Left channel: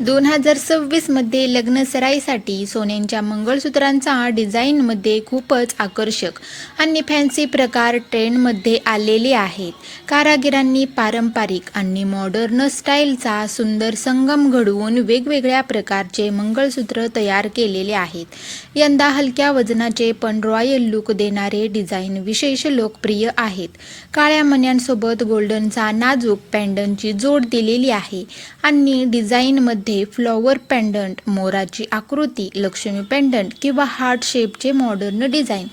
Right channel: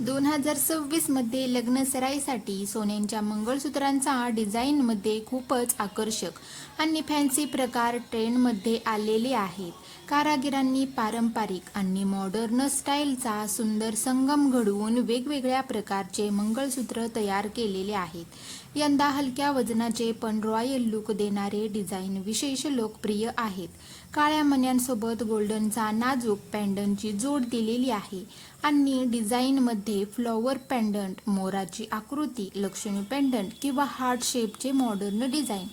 2026 मध्ये लग्नसराईसाठी सोन्यांच्या मंगळसूत्रांचा डिझाईनमध्ये खूपच आकर्षक आणि फॅन्सी प्रकार ट्रेंडमध्ये आलेले आहेत. कारागिरांनी पारंपरिक आणि मॉडर्न स्टाईलचा सुंदर संगम घडवून वेगवेगळ्या प्रकारचे मंगळसूत्र तयार केलेले आहेत. यंदा हलक्या वजनाचे पण रॉयल लुक देणारे डिझाईन विशेष लोकप्रिय आहेत. काळ्या मण्यांसोबत गोल्डनचा नाजूक पेंडंटची जोड दिलेली आहे आणि डिझाईनमध्ये फ्लॉवर पेंडंट, मोराची आकृती, लक्ष्मी पेंडंट किंवा हार्ट शेपचे मॉडर्न डिझाईन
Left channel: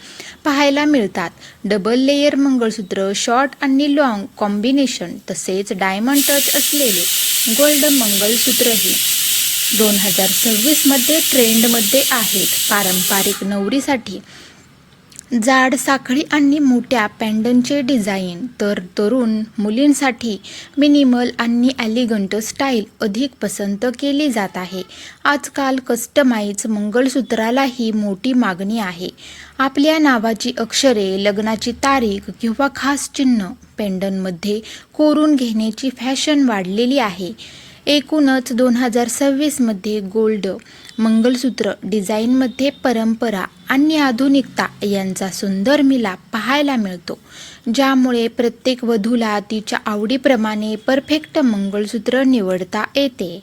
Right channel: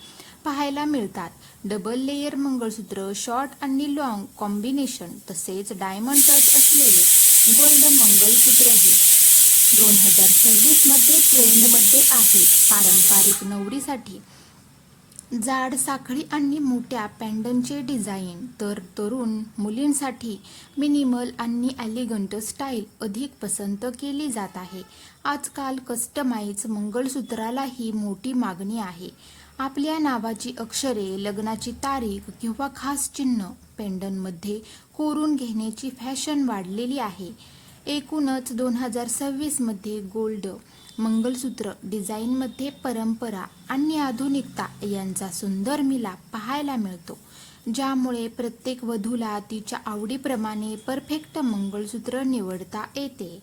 पाहायला मिळतात. डबल लेयर मंगळसूत्र, शॉर्ट आणि लॉंग कॉम्बिनेशन तसेच डायमंड टच असलेले गोल्ड मंगळसूत्रही 2026 मध्ये ट्रेंडमध्ये आहेत. पारंपरिक नवरीसाठी जाड साखळी आणि मोठ्या पेंडंटचे डिझाईन, तर तरुण मुलींसाठी मिनिमल आणि एलिगंट स्टाईल अधिक पसंत केली जात आहे. आजकाल कस्टमाइज मंगळसूत्रालाही मोठी मागणी आहे. आपल्या नावाची अक्षरे, लग्नाची तारीख किंवा खास चिन्ह पेंडंटमध्ये कोरून घेण्याची फॅशन वाढलेली आहे. एकूणच 2026 मध्ये गोल्ड मंगळसूत्र डिझाईनमध्ये परंपरा आणि आधुनिकता यांचा सुंदर मिलाप पाहायला मिळतो, ज्यामुळे प्रत्येक वधूला तिच्या आवडीप्रमाणे परफेक्ट मंगळसूत्र निवडता येते.